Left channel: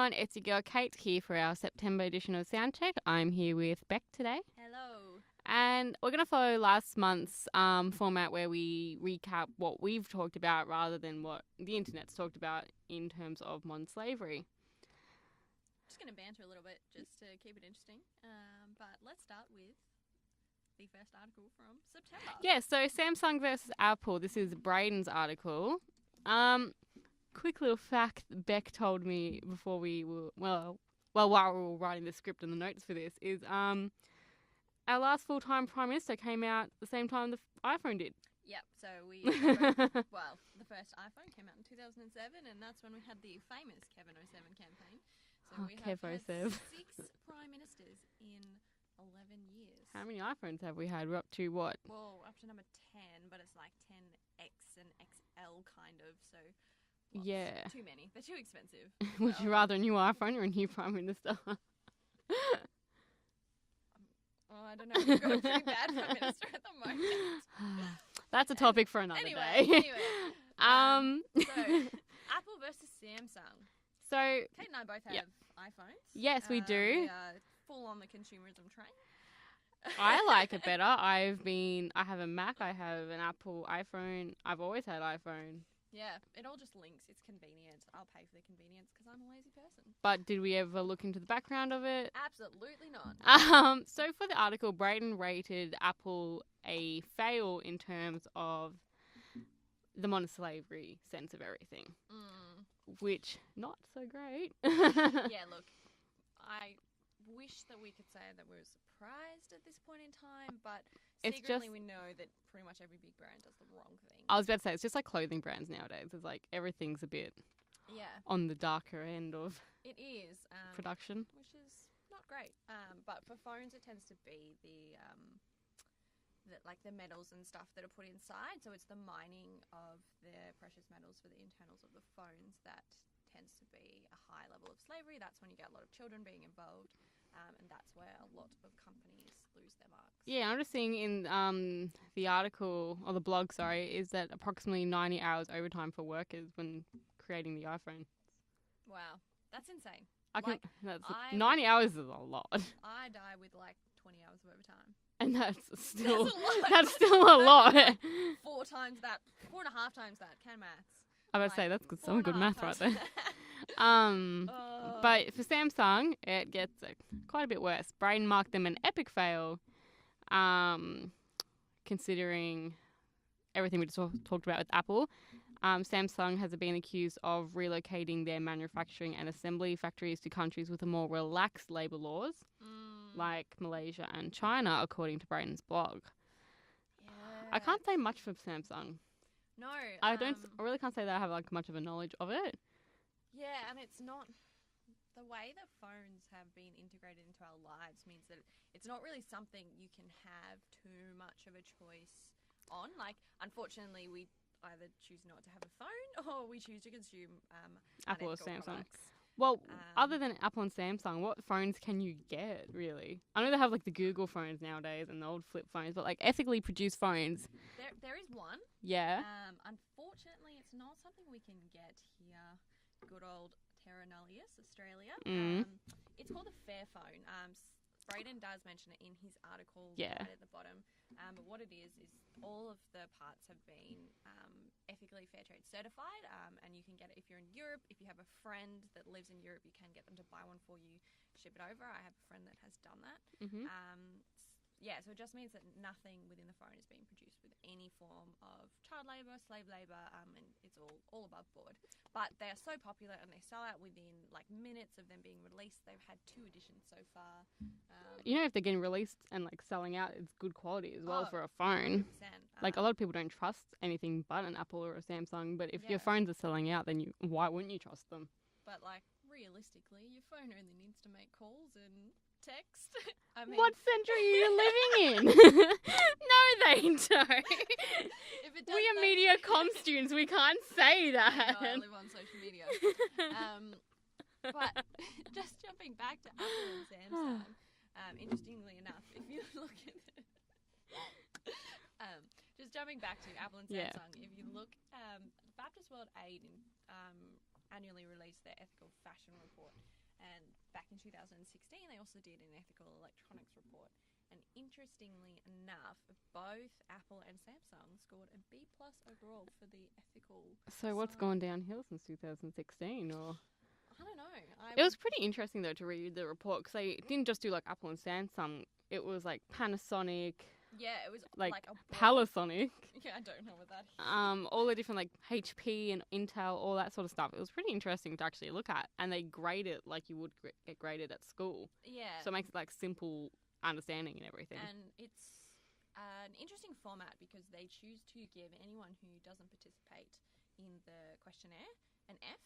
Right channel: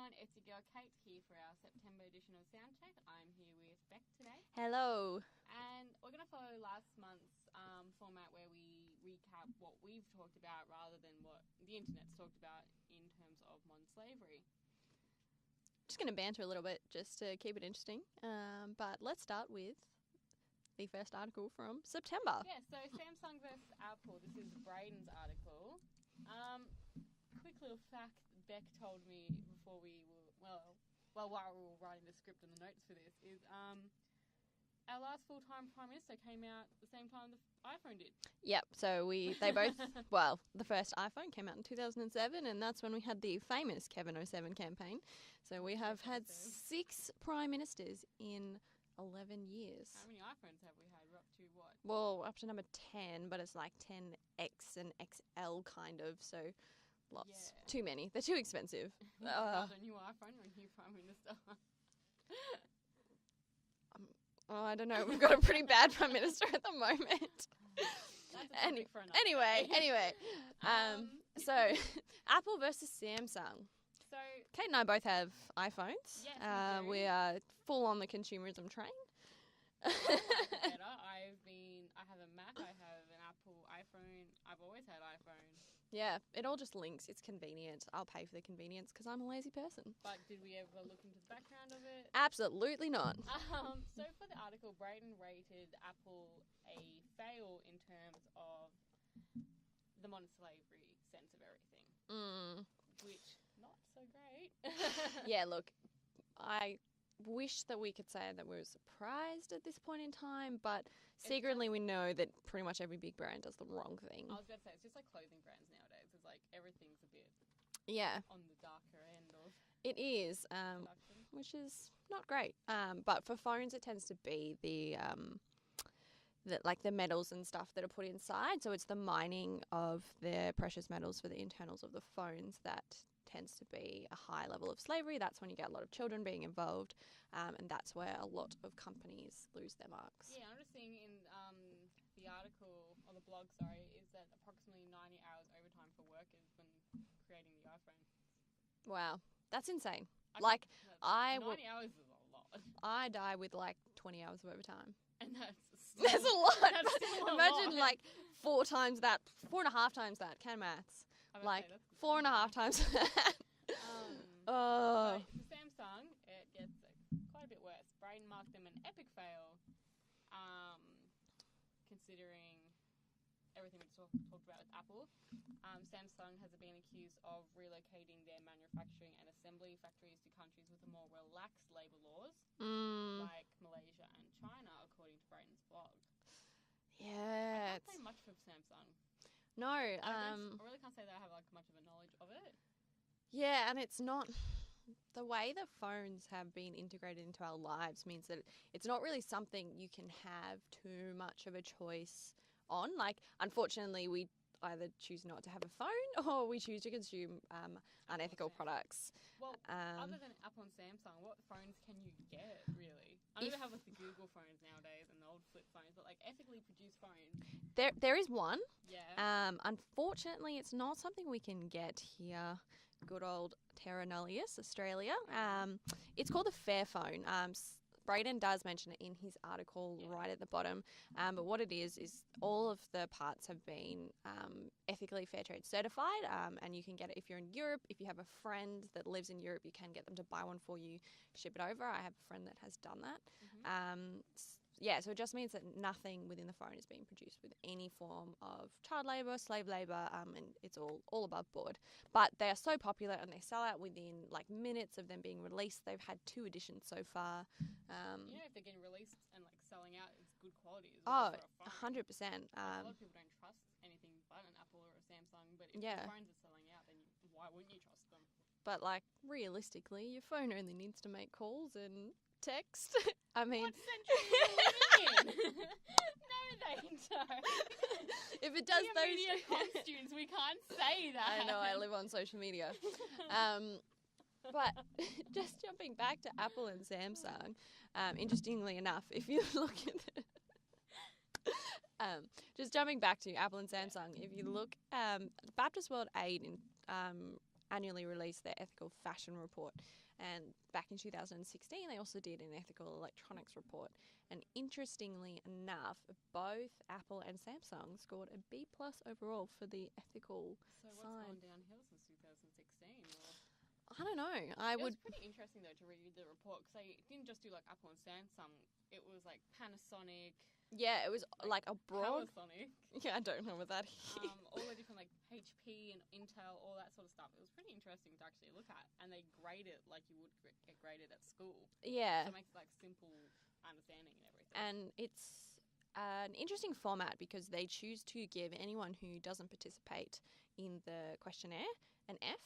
everyone, it's your girl Kate here for our September edition of Soundcheck. I'm here with Bec today. Hello. And we're going to follow last month's format where we recap what we've talked about rather than what the internet's talked about in terms of modern slavery. Just going to banter a little bit just to keep it interesting. But let's start with the first article from September. Yeah, so Samsung versus Apple. This is Braden's article. Quick little fact Bec told me before we were, while we were writing the script and the notes for this is our last full-time Prime Minister came out the same time the iPhone did. Yep, so they both, the first iPhone came out in 2007, and that's when we had the famous Kevin 07 campaign. So we have had 6 Prime Ministers in 11 years. How many iPhones have we had? We're up to what? Well, up to number 10, but it's like 10X and XL kind of, so lots. Yeah. Too many. They're too expensive. Would you rather a new iPhone or a new Prime Minister? I don't know. We've got a pretty bad Prime Minister at the moment. That's a topic for another day. Anyway. So, Apple versus Samsung. So, Kate and I both have iPhones. Yes, we do. We are full on the consumerism train. I like it better. I have a Mac, I have an Apple iPhone. I've always had iPhone. Yeah, it all just links. It's convenient. I'll pay for the convenience because I'm a lazy person. But did we ever look into the background of it? Absolutely not. So for the article, Braden rated Apple a fail in terms of the modern slavery sense of everything, which not so great. Yeah, look, I wish that we could say that we're surprised at this point in time, but secretly we know that pretty much every big brand does the wrong thing. I was about to say, it's just like clothing brands nowadays. It's like everything's a bit on the darker end of production. Which is not great. But for phones, it tends to be the metals and stuff that are put inside. So it's the mining of the precious metals for the internals of the phones that tends to be a high level of slavery. That's when you get a lot of children being involved, and that's where a lot of companies lose their marks. Yeah, I'm just seeing in the article, or the blog, is that approximately 90 hours overtime for workers when creating the iPhone. Wow, that's insane. 90 hours is a lot. I die with like 20 hours of overtime. And that's still, that's a lot. That's still a lot. Like 4 times that, 4.5 times that. Can maths. I was about to say, that's some good math right there. But for Samsung, it gets quite a bit worse. Braden marked them an epic fail, considering everything we just talked about with Apple. Samsung has been accused of relocating their manufacturing and assembly factories to countries with a more relaxed labour laws, like Malaysia and China, according to Braden's blog. Yeah. I can't say much for Samsung. No. I really can't say that I have like much of a knowledge of it. Yeah, and it's not... The way that phones have been integrated into our lives means that it's not really something you can have too much of a choice on. Like, unfortunately, we either choose not to have a phone or we choose to consume Apple unethical or Samsung products. Well, other than Apple and Samsung, what phones can you get, really? I know they have, like, the Google phones nowadays and the old flip phones, but, like, ethically produced phones. There is one. Yeah. Unfortunately, it's not something we can get here. Good old Terra Nullius, Australia. It's called the Fairphone. Braden does mention it in his article right at the bottom. But what it is all of the parts have been ethically fair trade certified, and you can get it if you're in Europe. If you have a friend that lives in Europe, you can get them to buy one for you, ship it over. I have a friend that has done that. So it just means that nothing within the phone is being produced with any form of child labour, slave labour, and it's all above board. But they are so popular and they sell out within like minutes of them being released. They've had 2 editions so far. If they're getting released and like selling out, it's good quality as well for a phone. 100%. Like a lot of people don't trust anything but an Apple or a Samsung. But if your phones are selling out, then why wouldn't you trust them? But like realistically, your phone only needs to make calls and text. I mean, what century are you living in? No, they don't. If it does, we are media comm students. We can't say that. I know, I live on social media. But just jumping back to Apple and Samsung, interestingly enough, if you look at just jumping back to Apple and Samsung, if you look, Baptist World Aid annually release their ethical fashion report. And back in 2016, they also did an ethical electronics report. And interestingly enough, both Apple and Samsung scored a B+ overall for the ethical So what's side. gone downhill since 2016? Or I don't know. it was pretty interesting though to read the report because they didn't just do like Apple and Samsung. It was like Panasonic, Yeah, it was like a broad... Panasonic. Yeah, I don't know what that is. All the different like HP and Intel, all that sort of stuff. It was pretty interesting to actually look at, and they grade it like you would get graded at school. Yeah. So it makes it like simple understanding and everything. And it's an interesting format because they choose to give anyone who doesn't participate in the questionnaire an F.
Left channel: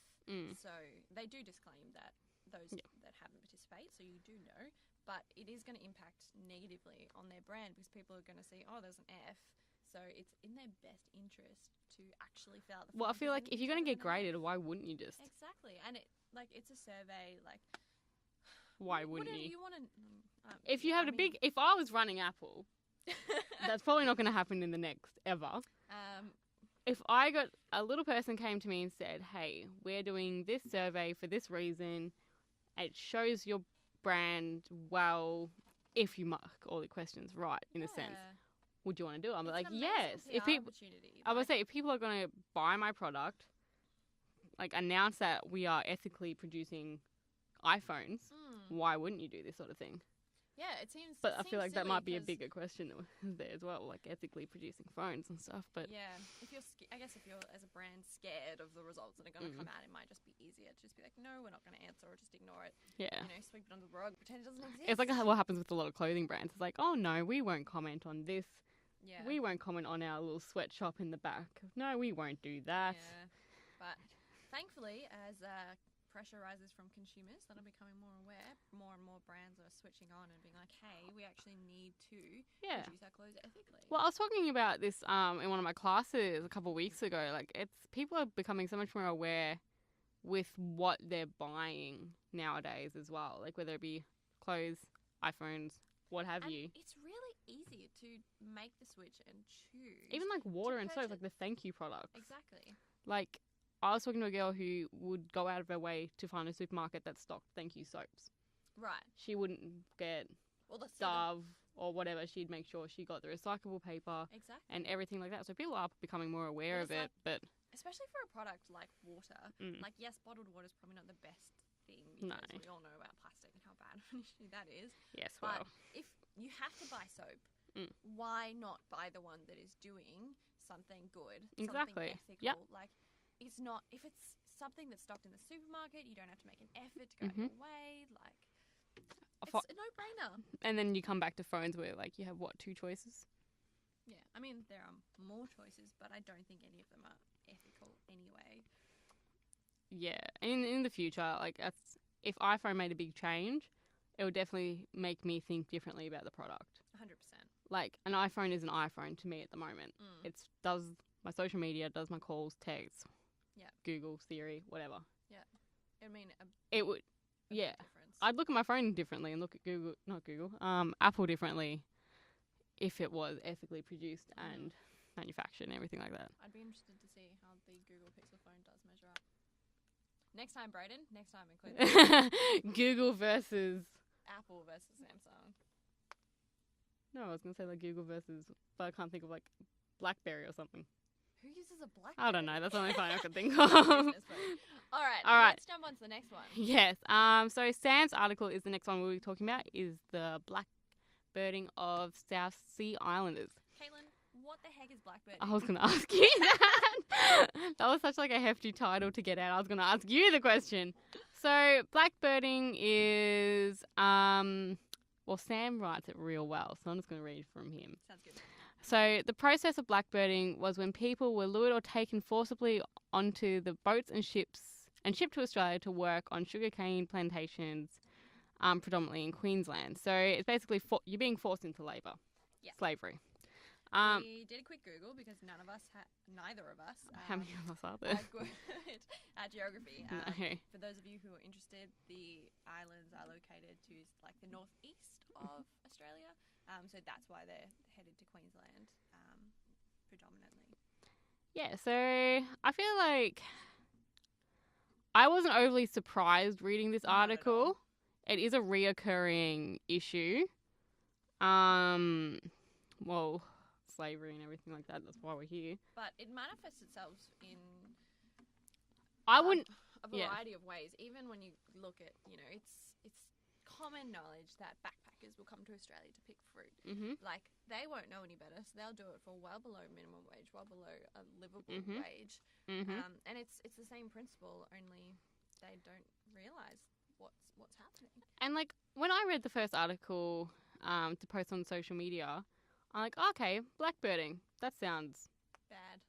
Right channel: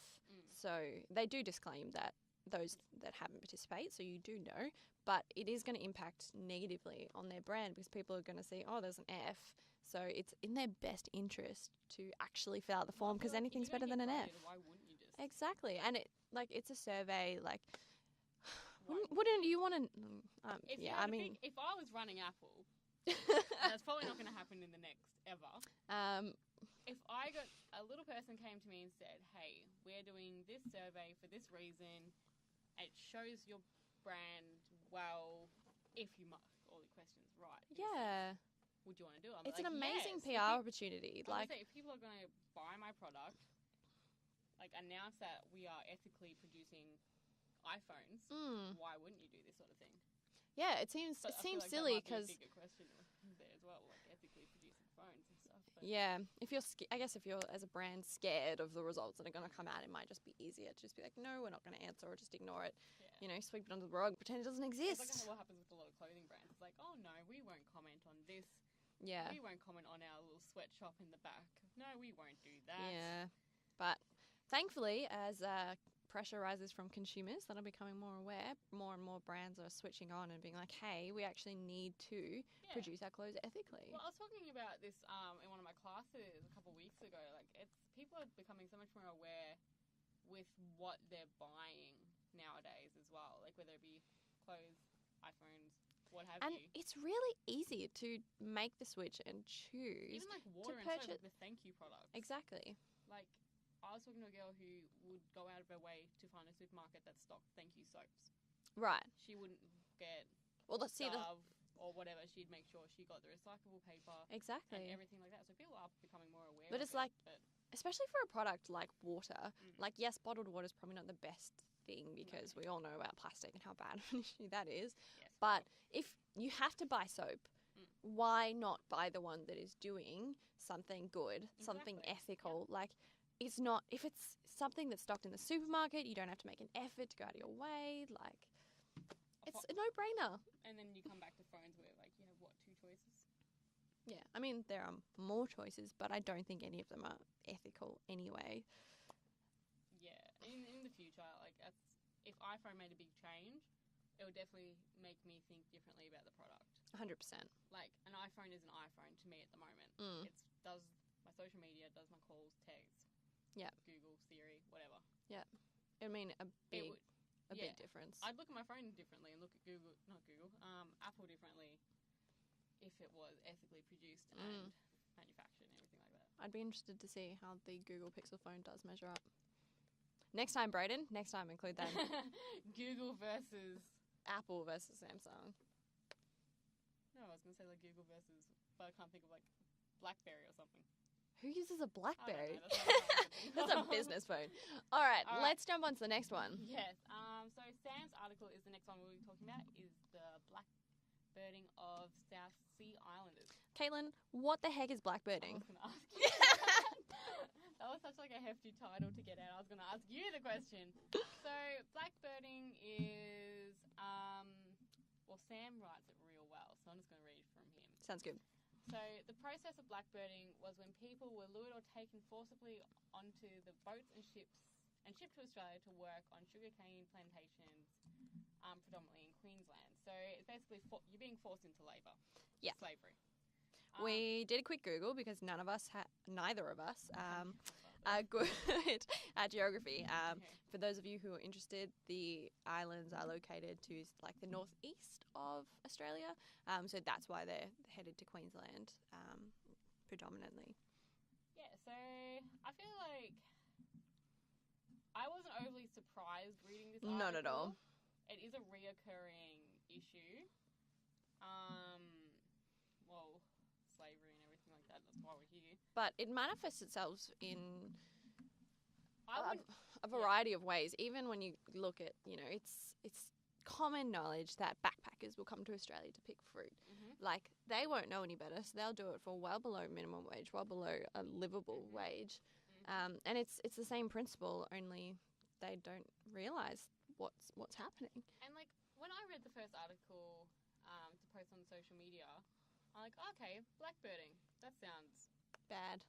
So they do disclaim that those that haven't participated, so you do know, but it is going to impact negatively on their brand because people are going to see, oh, there's an F. So it's in their best interest to actually fill out the form. Well, I feel like if you're going to get graded, F. why wouldn't you just? Exactly. And it's a survey, like... Why wouldn't you want to... if you had if I was running Apple, that's probably not going to happen in the next ever. If I got a little person came to me and said, hey, we're doing this survey for this reason, it shows your brand well if you mark all the questions right, in a sense. Would you want to do it? I'm like, yes. It's an amazing PR opportunity. I would say if people are going to buy my product, like announce that we are ethically producing iPhones, why wouldn't you do this sort of thing? Yeah, it seems. But I feel like that might be a bigger question there as well, like ethically producing phones and stuff. But yeah, if you're, I guess if you're as a brand scared of the results that are going to come out, it might just be easier to just be like, no, we're not going to answer, or just ignore it. Yeah, sweep it under the rug, pretend it doesn't exist. It's like what happens with a lot of clothing brands. It's like, oh no, we won't comment on this. Yeah, we won't comment on our little sweatshop in the back. No, we won't do that. Yeah, but thankfully, as pressure rises from consumers that are becoming more aware, more and more brands are switching on and being like, hey, we actually need to produce our clothes ethically. Well, I was talking about this in one of my classes a couple of weeks ago. Like, people are becoming so much more aware with what they're buying nowadays as well. Like, whether it be clothes, iPhones, what have you. It's really easy to make the switch and choose. Even like water and soap, like the thank you products. Exactly. Like, I was talking to a girl who would go out of her way to find a supermarket that stocked thank you soaps. Right. She wouldn't get Dove or whatever. She'd make sure she got the recyclable paper. Exactly. And everything like that. So people are becoming more aware of it. But especially for a product like water. Like, yes, bottled water is probably not the best thing because we all know about plastic and how bad of an issue that is. Yes, but if you have to buy soap, why not buy the one that is doing something good, something ethical? Like, it's not, if it's something that's stocked in the supermarket, you don't have to make an effort to go out of your way. Like, it's a no-brainer. And then you come back to phones where, like, you have, two choices? Yeah. I mean, there are more choices, but I don't think any of them are ethical anyway. Yeah. In the future, like, if iPhone made a big change, it would definitely make me think differently about the product. 100%. Like, an iPhone is an iPhone to me at the moment. It does my social media, does my calls, texts. Yeah. Google, Siri, whatever. Yeah. I mean, it would. Big difference. I'd look at my phone differently and look at Apple differently if it was ethically produced and manufactured and everything like that. I'd be interested to see how the Google Pixel phone does measure up. Next time, Brayden. Next time, include that. Google versus Apple versus Samsung. No, I was going to say like Google versus, but I can't think of like BlackBerry or something. Who uses a BlackBerry? I don't know. That's the only thing I can think of. Business phone. All right. Let's jump on to the next one. Yes. So Sam's article is the next one we'll be talking about is the blackbirding of South Sea Islanders. Caitlin, what the heck is blackbirding? I was going to ask you that. That was such like a hefty title to get out. I was going to ask you the question. So blackbirding is, well, Sam writes it real well, so I'm just going to read from him. Sounds good. So the process of blackbirding was when people were lured or taken forcibly onto the boats and ships and shipped to Australia to work on sugarcane plantations, predominantly in Queensland. So it's basically you're being forced into labour. Yeah. Slavery. We did a quick Google because neither of us how many of us are there? Are good at geography. No. For those of you who are interested, the islands are located to like the northeast of Australia. So that's why they're headed to Queensland predominantly. Yeah, so I feel like I wasn't overly surprised reading this Not at all. article. It is a reoccurring issue. Well, slavery and everything like that. That's why we're here. But it manifests itself in I wouldn't. a variety of ways. Even when you look at, it's common knowledge that backpackers will come to Australia to pick fruit. Mm-hmm. Like, they won't know any better, so they'll do it for well below minimum wage, well below a livable wage. Mm-hmm. And it's the same principle, only they don't realise what's happening. And like when I read the first article to post on social media, I'm like, okay, blackbirding. That sounds Bad.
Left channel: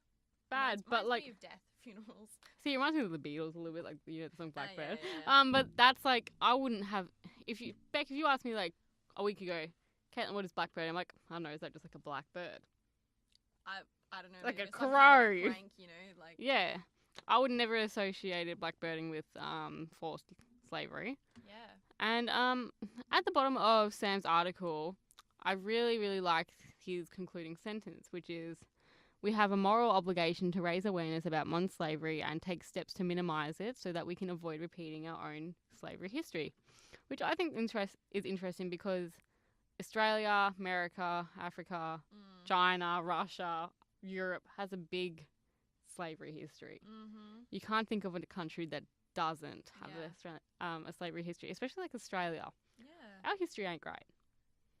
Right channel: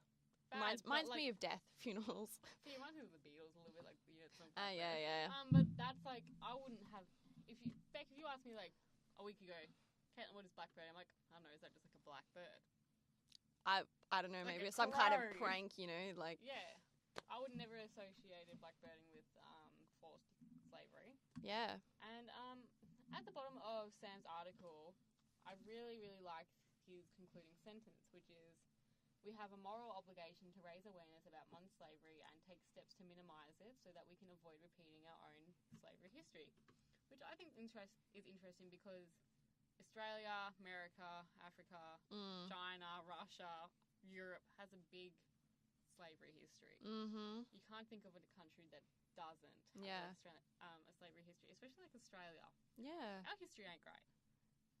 bad, but Reminds like, me of death funerals. see, it reminds me of the Beatles a little bit, like the song Blackbird. Yeah. But that's like, I wouldn't have if you asked me like a week ago, Caitlin, what is blackbird? I'm like, I don't know, is that just like a black bird? I don't know, Like maybe a it's some kind crow. of prank, like Yeah, I would never associated blackbirding with forced slavery. yeah. And at the bottom of Sam's article, I really, really liked his concluding sentence, which is, we have a moral obligation to raise awareness about modern slavery and take steps to minimise it so that we can avoid repeating our own slavery history, which I think is interesting because Australia, America, Africa, China, Russia, Europe has a big slavery history. Mm-hmm. You can't think of a country that doesn't have Yeah. a slavery history, especially like Australia. Yeah. Our history ain't great.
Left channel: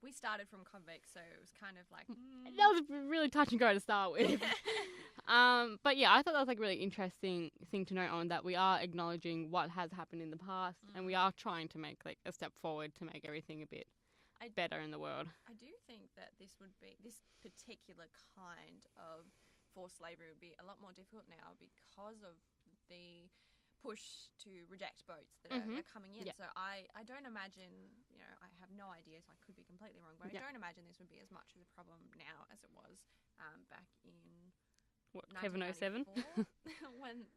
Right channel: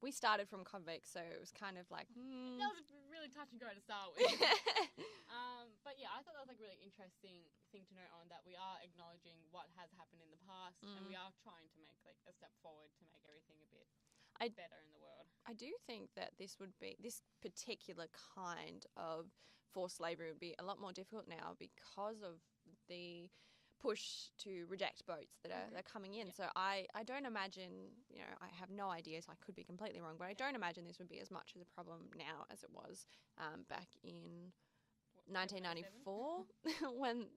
We started from convicts, so it was kind of like That was really touch and go to start with. But yeah, I thought that was like a really interesting thing to note on, that we are acknowledging what has happened in the past and we are trying to make like a step forward to make everything a bit better in the world. I do think that this particular kind of forced slavery would be a lot more difficult now because of the push to reject boats that are coming in. Yeah. So I don't imagine, I have no idea, so I could be completely wrong, but I don't imagine this would be as much of a problem now as it was back in 1994 when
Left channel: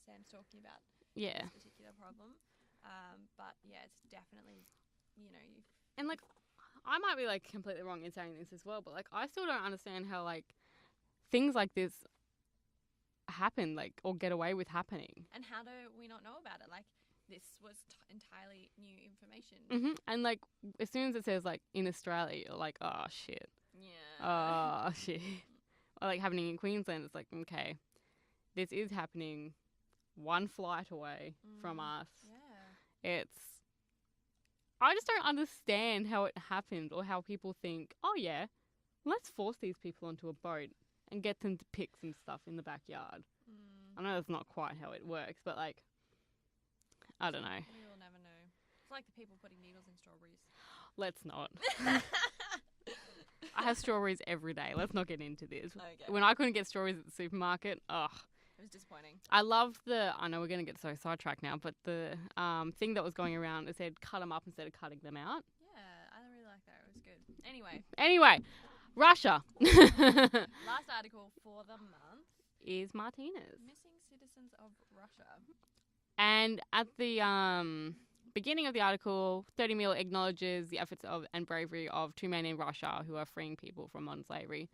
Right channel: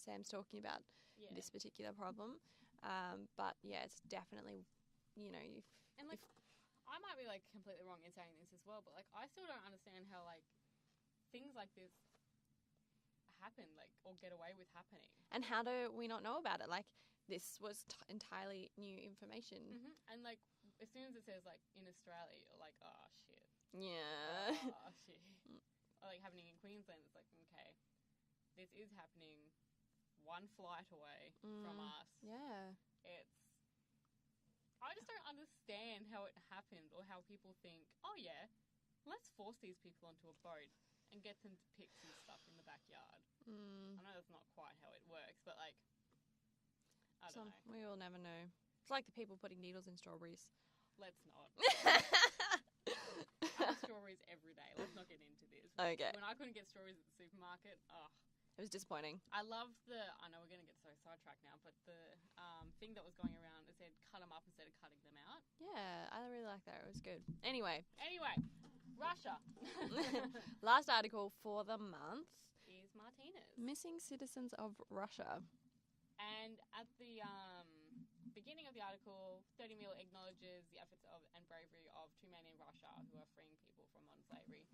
Sam's talking about this particular problem. But yeah, it's definitely, And like, I might be like completely wrong in saying this as well, but like, I still don't understand how like things like this happen, like, or get away with happening. And how do we not know about it? Like, this was entirely new information. And like, as soon as it says like in Australia, you're like, oh shit. Yeah. Oh shit. Or like happening in Queensland, it's like, okay, this is happening one flight away from us. Yeah. I just don't understand how it happened, or how people think, oh yeah, let's force these people onto a boat and get them to pick some stuff in the backyard. I know that's not quite how it works, but like, I don't know. We all never know. It's like the people putting needles in strawberries. Let's not. I have strawberries every day. Let's not get into this. Okay. When I couldn't get strawberries at the supermarket, It was disappointing. I love I know we're going to get so sidetracked now, but the thing that was going around, it said cut them up instead of cutting them out. Yeah, I really like that. It was good. Anyway, Russia. Last article for the month is Martinez. Missing citizens of Russia. And at the beginning of the article, 30 Mil acknowledges the efforts of and bravery of two men in Russia who are freeing people from modern slavery.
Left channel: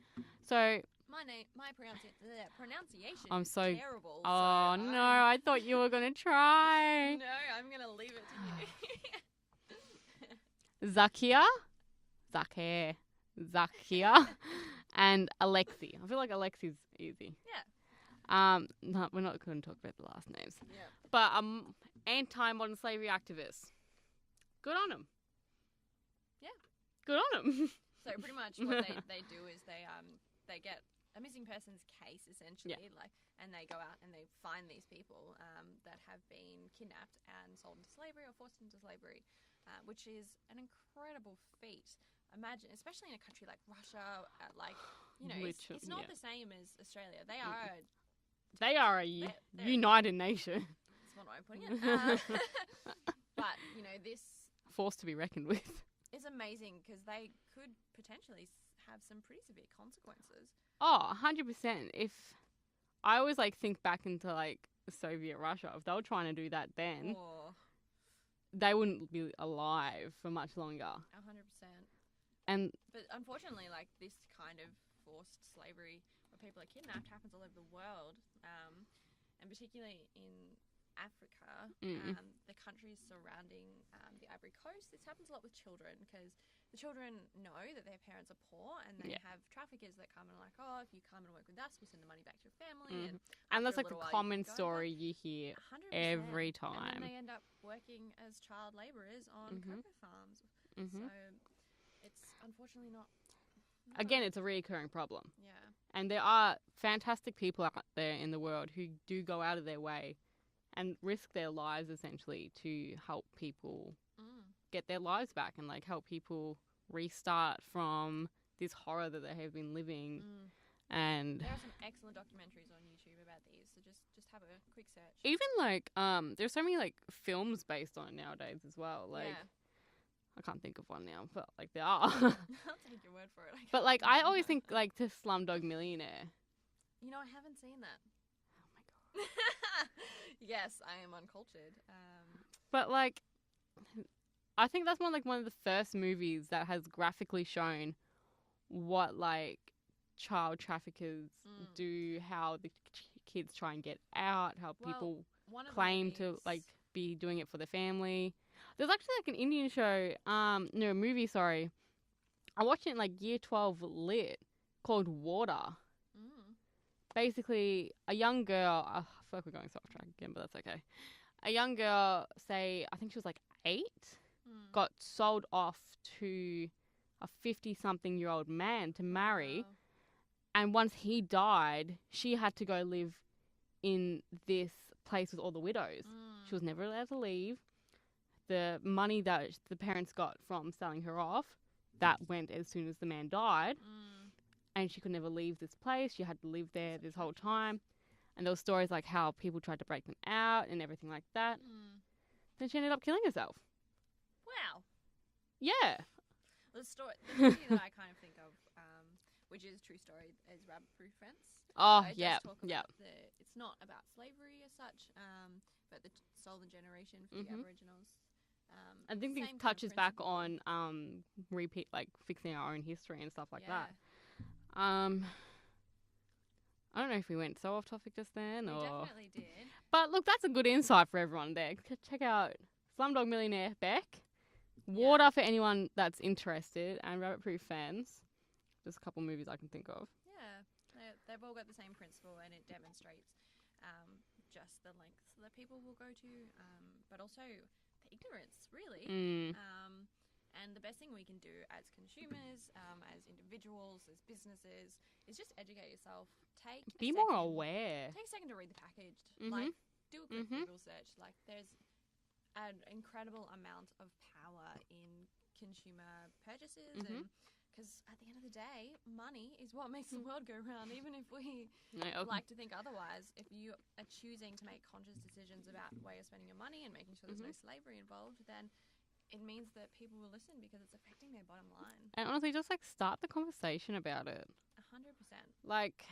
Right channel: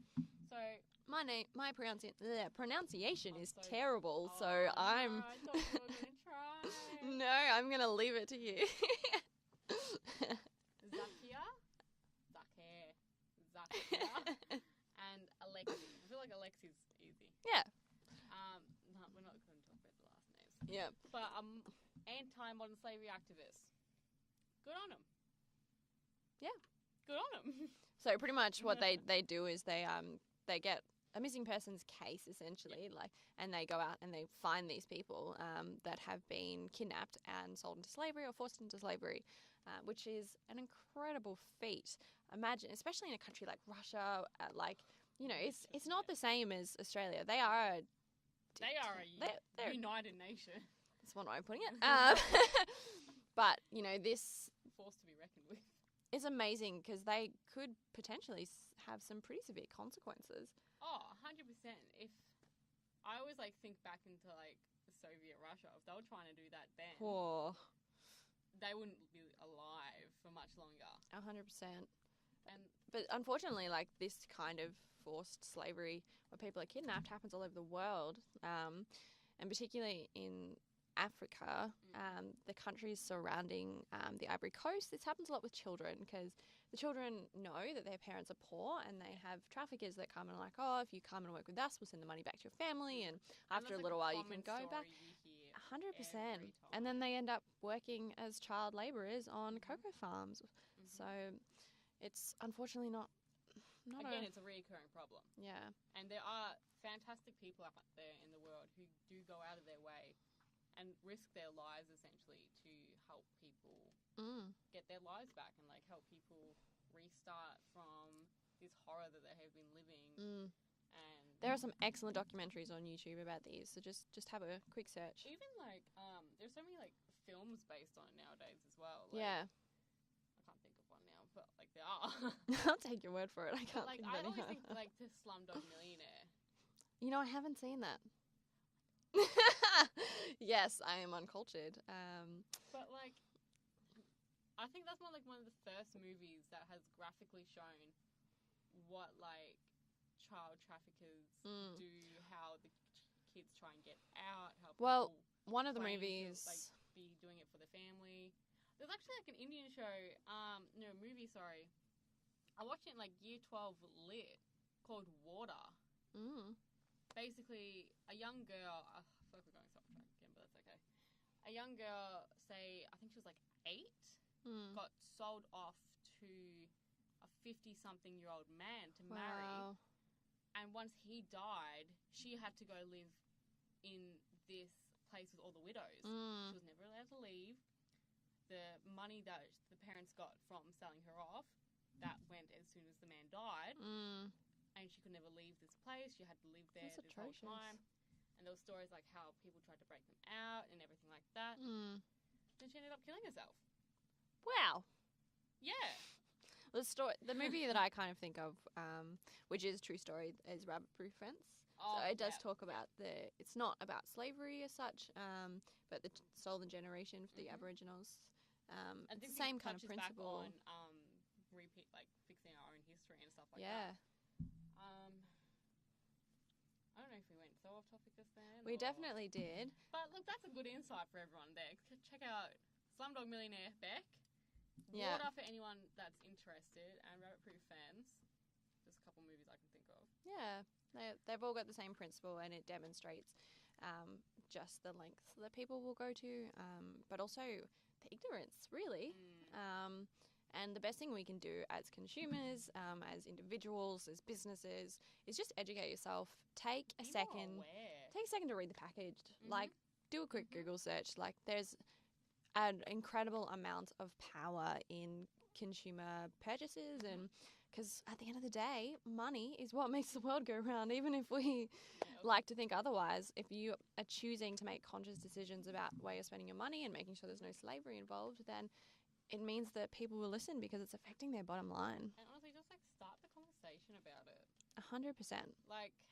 So my pronunciation I'm is so terrible. Oh, so no, I thought you were going to try. No, I'm going to leave it to you. Zakia, and Alexei. I feel like Alexei's easy. Yeah. No, we're not going to talk about the last names. Yeah. But anti-modern slavery activists. Good on them. Yeah. Good on them. So pretty much what they do is they get a missing persons case essentially, and they go out and they find these people that have been kidnapped and sold into slavery or forced into slavery, which is an incredible feat. Imagine, especially in a country like Russia, it's not the same as Australia. They are a united nation. That's one way of putting it. But this force to be reckoned with. It's amazing because they could potentially have some pretty severe consequences. Oh, 100%. If I always think back into Soviet Russia, if they were trying to do that then, they wouldn't be alive for much longer. 100%. But unfortunately, this kind of forced slavery where people are kidnapped happens all over the world, and particularly in Africa, the countries surrounding the Ivory Coast, this happens a lot with children because the children know that their parents are poor and they have traffickers that come and are like, oh, if you come and work with us, we'll send the money back to your family. And that's after like a a common story you hear 100%. every time. And then they end up working as child labourers on cocoa farms. So it's unfortunately not Again, it's a reoccurring problem. Yeah. And there are fantastic people out there in the world who do go out of their way and risk their lives essentially to help people get their lives back and like help people restart from this horror that they have been living. And there are some excellent documentaries on YouTube about these, so just have a quick search. Even like there's so many like films based on it nowadays as well. Like I can't think of one now, but like there are. I'll take your word for it. But like I always think like to Slumdog Millionaire. You know, I haven't seen that. Oh my god. Yes, I am uncultured. But like I think that's one of the first movies that has graphically shown what like child traffickers do, how the kids try and get out, how people claim to like be doing it for their family. There's actually like an Indian show, movie, sorry. I watched it in like year 12 lit called Water. Basically, a young girl, I feel like we're going off track again, but that's okay. A young girl, say, I think she was like 8, got sold off to a 50-something-year-old man to marry. Wow. And once he died, she had to go live in this place with all the widows. She was never allowed to leave. The money that the parents got from selling her off, that went as soon as the man died. And she could never leave this place. She had to live there this whole time. And there were stories like how people tried to break them out and everything like that. Then she ended up killing herself. Wow. Yeah. The movie that I kind of think of, which is true story, is Rabbit Proof Fence. Oh, it yeah. does talk about it's not about slavery as such, but the stolen generation for the Aboriginals. I think it touches back on repeat, like fixing our own history and stuff like that. I don't know if we went so off topic just then. We definitely did. But look, that's a good insight for everyone there. Check out Slumdog Millionaire Beck, Water for anyone that's interested, and Rabbit Proof Fans. There's a couple movies I can think of. Yeah, they've all got the same principle, and it demonstrates just the lengths that people will go to, but also the ignorance, really. And the best thing we can do as consumers, as individuals, as businesses, is just educate yourself. Be more aware. Take a second to read the package. Like, do a quick Google search. Like, there's an incredible amount of power in consumer purchases, and because at the end of the day, money is what makes the world go round. Even if we like to think otherwise, if you are choosing to make conscious decisions about where you're spending your money and making sure there's no slavery involved, then it means that people will listen because it's affecting their bottom line. And honestly, just like start the conversation about it. 100%. Like,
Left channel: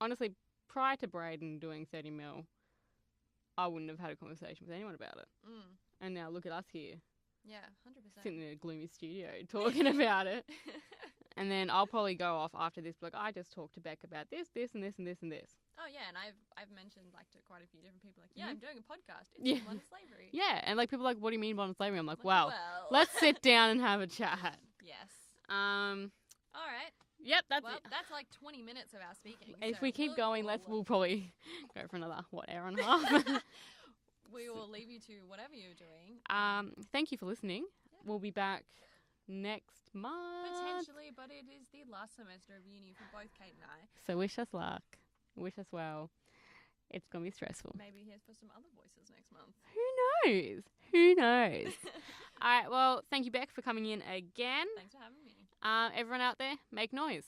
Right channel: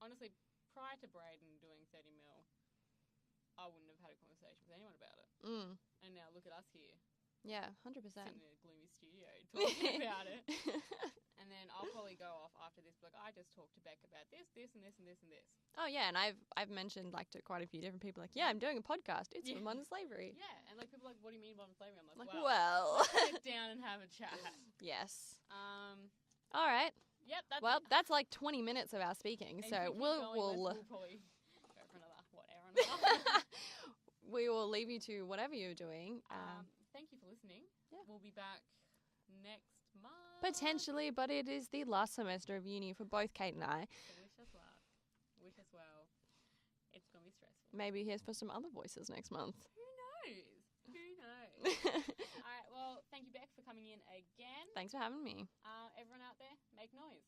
honestly, prior to Braden doing 30 mil, I wouldn't have had a conversation with anyone about it. And now look at us here. Yeah, 100%. Sitting in a gloomy studio talking about it. And then I'll probably go off after this, like, I just talked to Bec about this, this, and this, and this, and this. Oh, yeah, and I've mentioned, like, to quite a few different people, like, yeah, I'm doing a podcast. It's in modern slavery. Yeah, and, like, people are like, what do you mean modern slavery? I'm like, well, let's sit down and have a chat. Yes. All right. Yep, that's it. That's like 20 minutes of our speaking. If so we keep going, we'll probably go for another, hour and a half. We will leave you to whatever you're doing. Thank you for listening. Yeah. We'll be back next month. Potentially, but it is the last semester of uni for both Cait and I. So wish us luck. Wish us well. It's going to be stressful. Maybe here's for some other voices next month. Who knows? Who knows? All right, well, thank you, Bec, for coming in again. Thanks for having me. Everyone out there, make noise.